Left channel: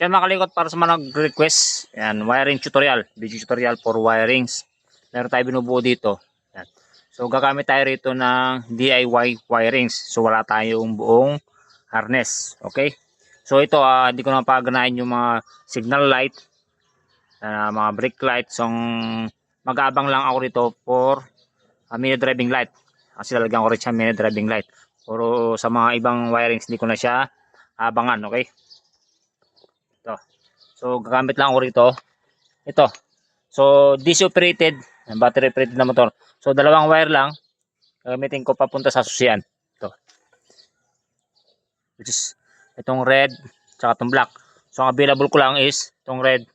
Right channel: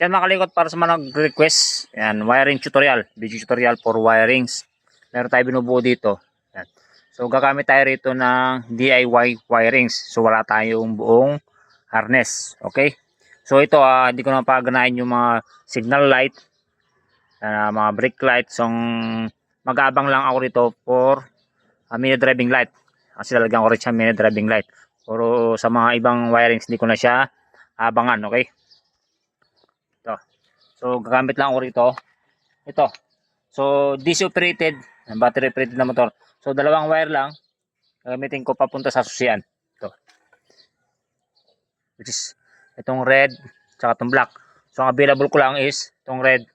Yan mga kalikot, para sa mga nag-request, yan, wiring tutorial, video tutorial for wirings. Meron tayo binubuo dito. Yan. So gagamit tayo rito ng DIY wirings. So wala tayong buong harness. Okay? So ito, hindi ko na paganahin yung mga signal light, mga brake light. So mag-aabang lang ako rito for mini driving light. Kasi lalagyan ko rin siya mini driving light. Pero sa mga ibang wirings, hindi ko na siya abangan. Okay? Ito. So gagamit lang ako rito. Ito. So DC operated, battery operated na motor. So dalawang wire lang gamitin ko papunta sa susian. Ito. Which is itong red tsaka itong black. So ang available ko lang is itong red.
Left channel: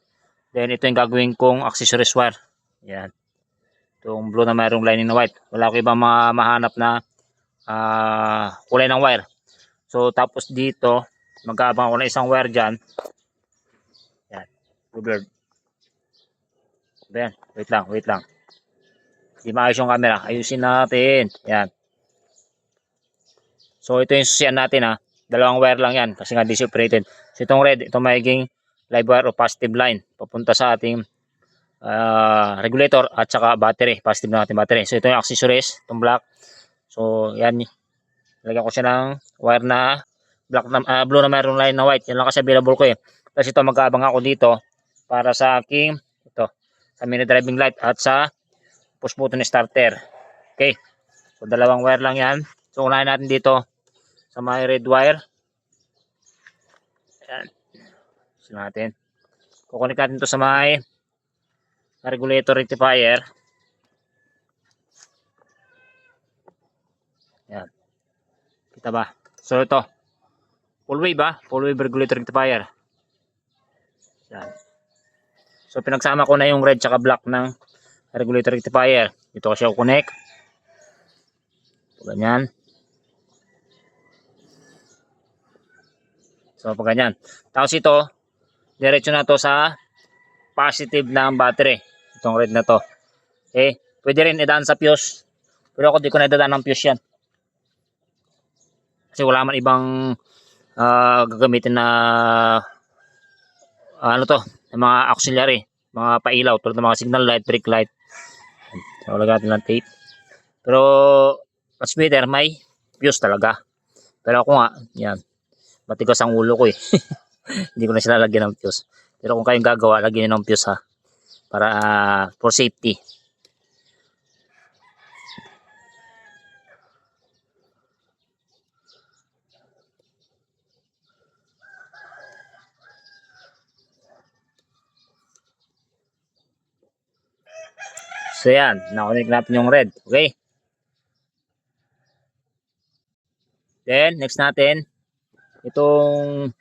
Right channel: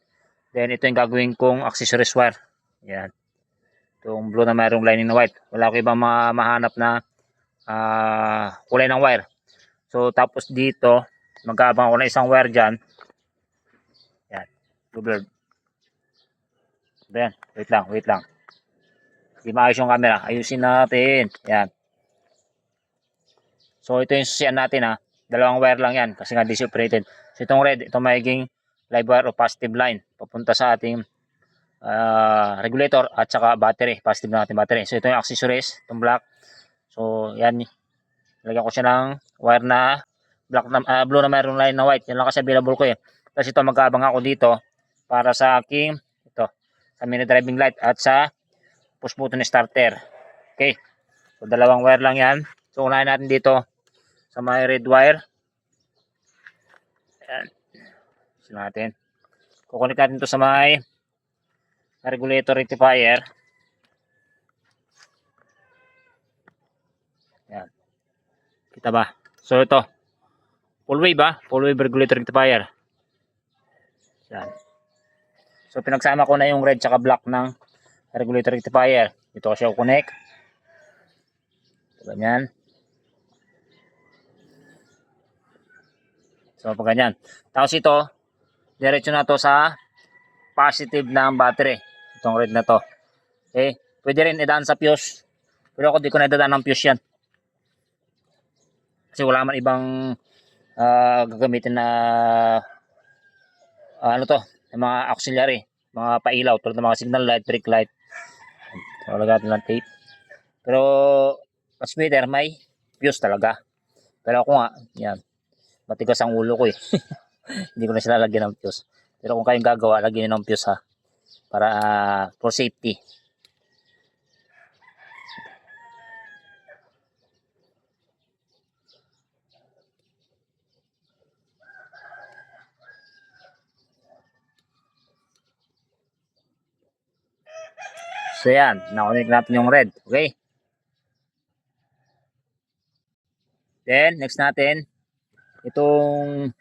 Then ito yung gagawin kong accessories wire. Yan. Itong blue na mayroong lining na white. Wala ko ibang mahanap na kulay ng wire. So tapos dito mag-aabang ako ng isang wire dyan. Yan. Blue. Ayan, wait lang. Hindi maayos yung camera. Ayusin natin. Yan. So ito yung susian natin . Dalawang wire lang yan kasi nga DC operated. So itong red, itong magiging live wire o positive line papunta sa ating regulator at saka battery. Positive na ating battery. So ito yung accessories, itong black. So yan. Lagyan ko siya ng wire na black na, blue na mayroong line na white. Yan lang kasi available ko . Tapos ito mag-aabang ako dito para sa aking sa mini driving light at sa push button starter. Okay. So dalawang wire lang yan. So unahin natin dito sa may red wire. Ayan. So natin. Kukunik natin to sa may regulator rectifier. Ayan. Kita ba? So ito. Full wave Full wave regulator rectifier. Ayan. So pinagsama ko na yung red tsaka black ng regulator rectifier. Ito ko siya kukonek. Ganyan. So pag ganyan. Tapos ito, diretso na to sa positive ng battery. Itong red na to. Okay. Pwede rin idaan sa fuse. Pero ako di ko na idadaan ng fuse yan. Kasi wala man ibang gagamitin na mga auxiliary, mga pailaw tulad ng mga signal light, brake light. So lagyan natin ng tape. Pero transmitter may fuse talaga. Pero ako nga, yan. Matigas ang ulo ko . Hindi ko na sila lagyan ng fuse. Pero kung kayong gagawa, lagyan nyo ng fuse para for safety. So yan, nakunik natin yung red. Okay. Then next natin itong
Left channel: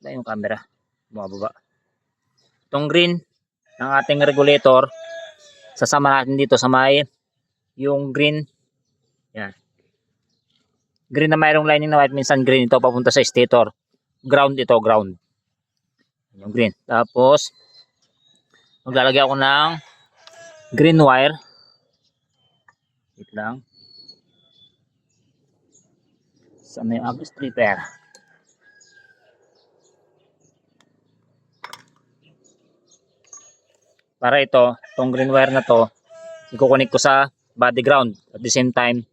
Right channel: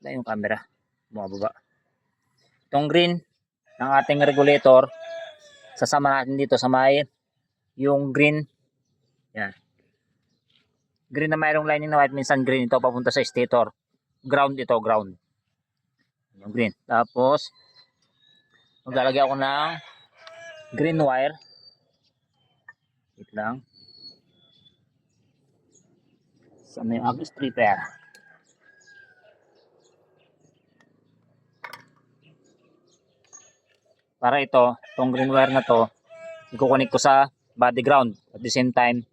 na yung camera bumababa. Itong green ng ating regulator, sasama natin dito sa may yung green. Yan. Green na mayroong lining na white, minsan green ito papunta sa stator. Ground ito, ground. Yung green. Tapos maglalagay ako ng green wire. Wait lang. Sa may stripper. Para itong green wire na to, ikukunik ko sa body ground at the same time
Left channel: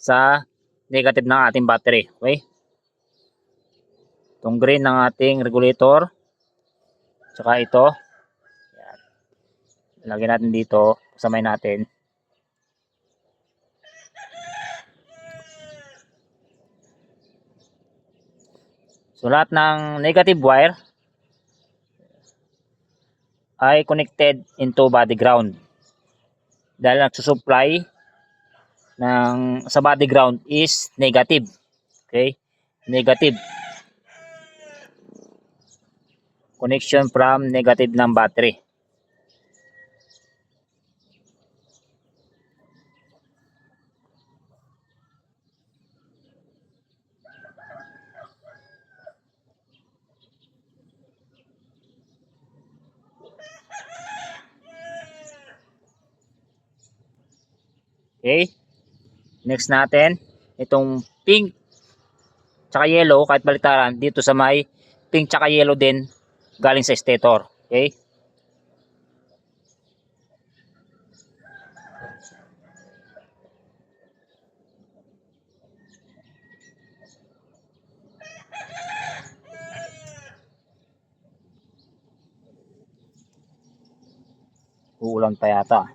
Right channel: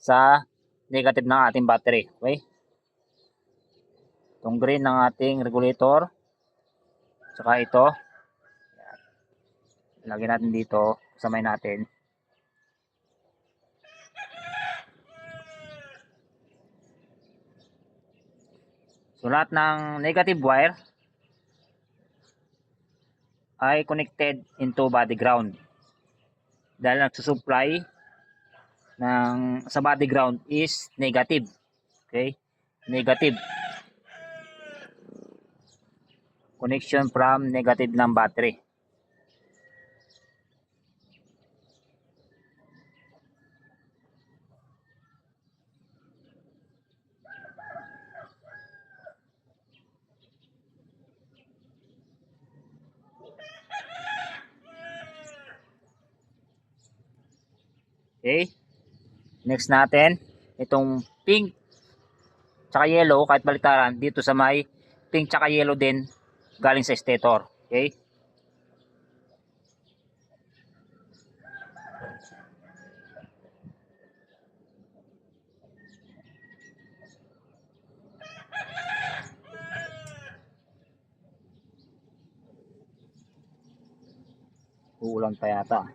sa negative ng ating battery. Okay? Itong green ng ating regulator. Tsaka ito. Lagyan natin dito, samay natin. So lahat ng negative wire ay connected into body ground. Dahil nagsusupply sa body ground is negative. Okay? Negative. Connection from negative ng battery. Okay. Next natin, itong pink tsaka yellow, kahit baliktaran, dito sa may pink tsaka yellow din galing sa stator. Okay? Uulan pa yata.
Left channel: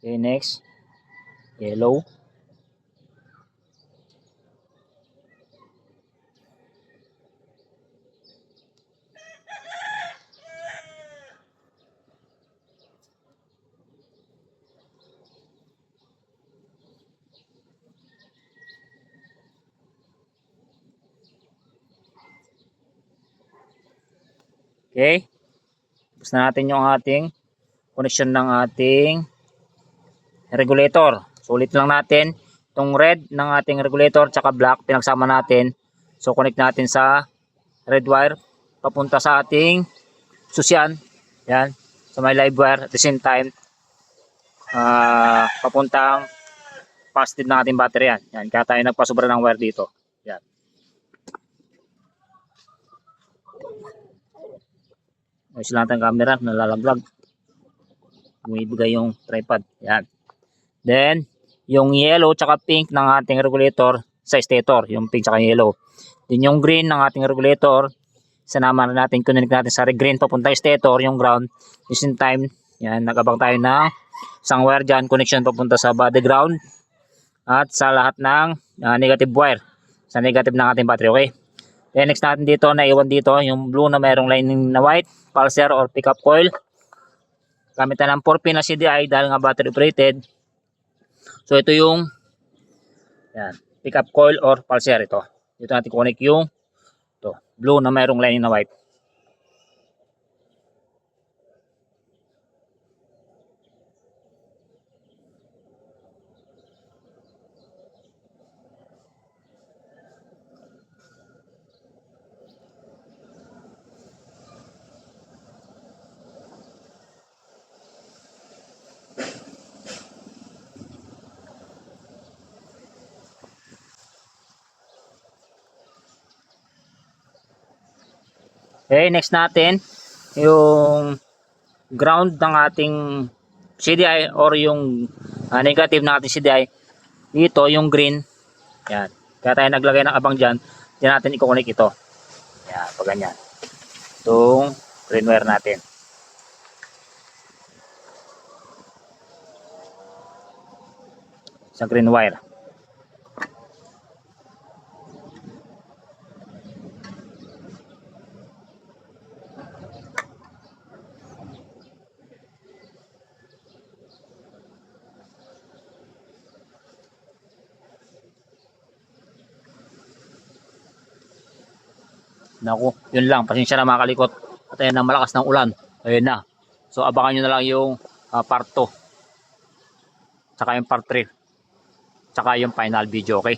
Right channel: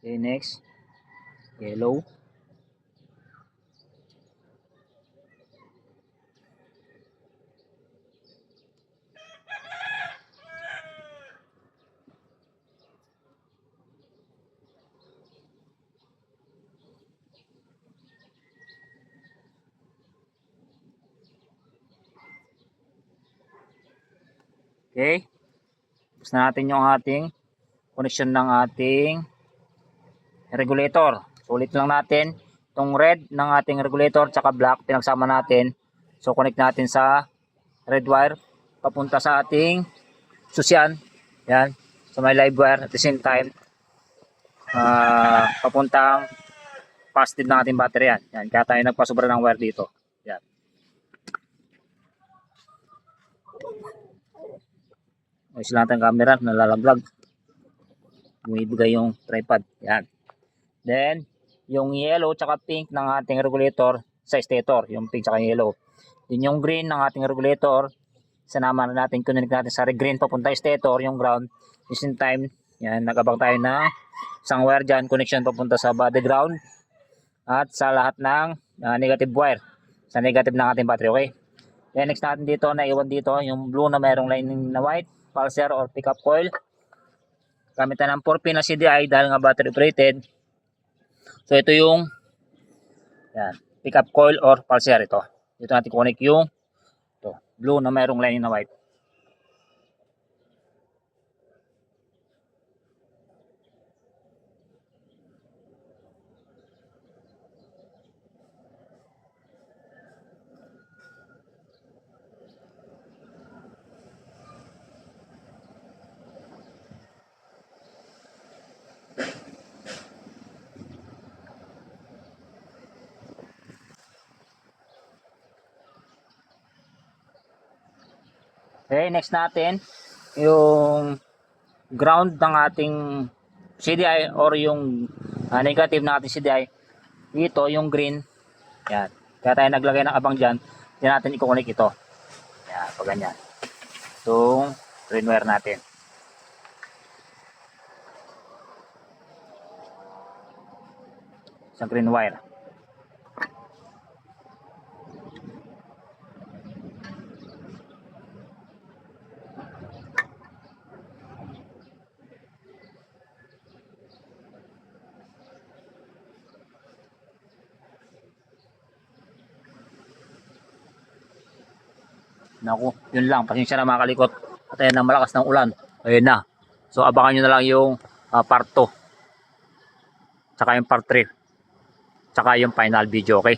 Okay, next. Yellow. Okay. Tapos na natin yung ating connection ng ating regulator. So ulit lang natin itong red ng ating regulator tsaka black pinagsama natin. So connect natin sa red wire papunta sa ating susian. Yan. Sa may live wire at the same time papuntang positive ng ating battery yan. Yan. Kaya tayo nagpasobra ng wire dito. Yan. Ayos lang natin camera, nalalaglag. Bumibigay yung tripod. Yan. Then, yung yellow tsaka pink ng ating regulator sa stator. Yung pink tsaka yellow. Then yung green ng ating regulator, sanama na natin, connect natin sa green papunta stator, yung ground. At the same time, yan, nagabang tayo ng isang wire dyan, connection papunta sa body ground. At sa lahat ng negative wire. Sa negative ng ating battery, okay? Then next natin dito, naiwan dito, yung blue na mayroong lining na white, pulser or pickup coil. Gamit na ng 4-pin na CDI dahil nga battery operated. So ito yung yan, pickup coil or pulser ito. Dito natin connect yung ito, blue na mayroong lining na white. Okay, next natin yung ground ng ating CDI or yung negative ng ating CDI. Dito yung green. Yan. Kaya tayo naglagay ng abang dyan. Diyan natin i-connect ito. Yan, pag ganyan. Itong green wire natin. Sa green wire. Naku, yun lang. Pasensya na mga kalikot. At ayan ang malakas ng ulan. Ayun na. So abangan nyo na lang yung part 2. Tsaka yung part 3. Tsaka yung final video, okay?